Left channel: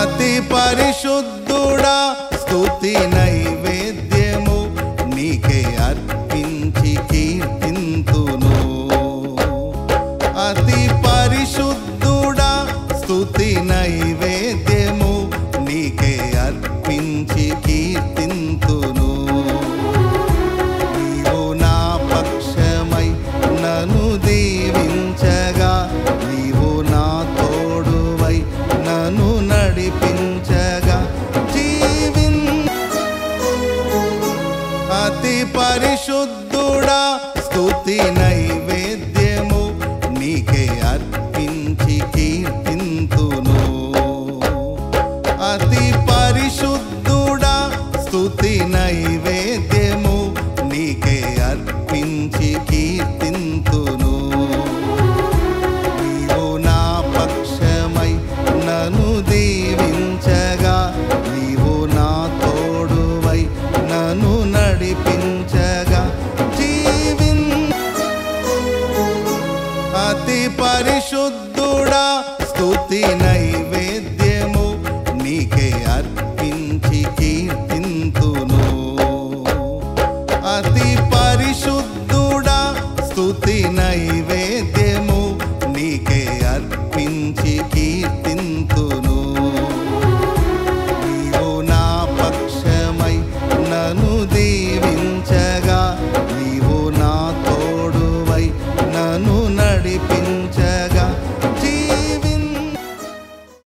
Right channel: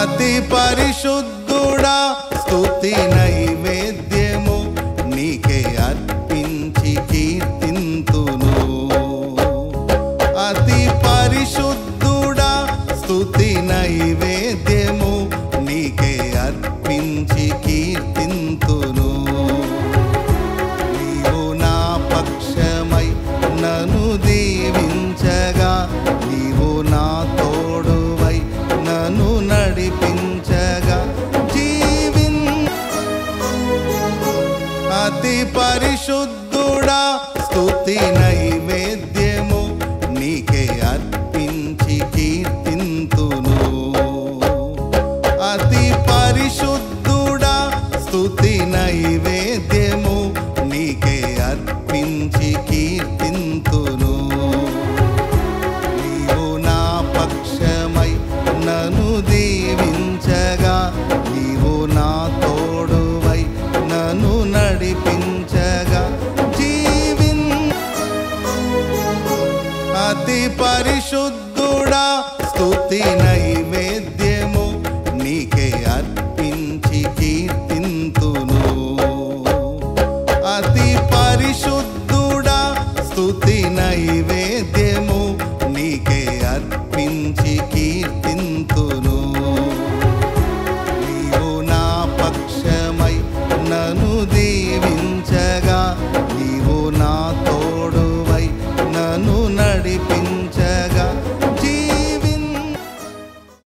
అతి పరిశుద్ధుడా స్తుతి నైవేద్యము నీకే అర్పించి కీర్తింతును. అతి పరిశుద్ధుడా స్తుతి నైవేద్యము నీకే అర్పించి కీర్తింతును. నీవు నా పక్షమై నన్ను దీవించగా, నీవు నా తోడువై నన్ను నడిపించగా అతి పరిశుద్ధుడా స్తుతి నైవేద్యము నీకే అర్పించి కీర్తింతును. అతి పరిశుద్ధుడా స్తుతి నైవేద్యము నీకే అర్పించి కీర్తింతును. నీవు నా పక్షమై నన్ను దీవించగా, నీవు నా తోడువై నన్ను నడిపించగా అతి పరిశుద్ధుడా స్తుతి నైవేద్యము నీకే అర్పించి కీర్తింతును. అతి పరిశుద్ధుడా స్తుతి నైవేద్యము నీకే అర్పించి కీర్తింతును.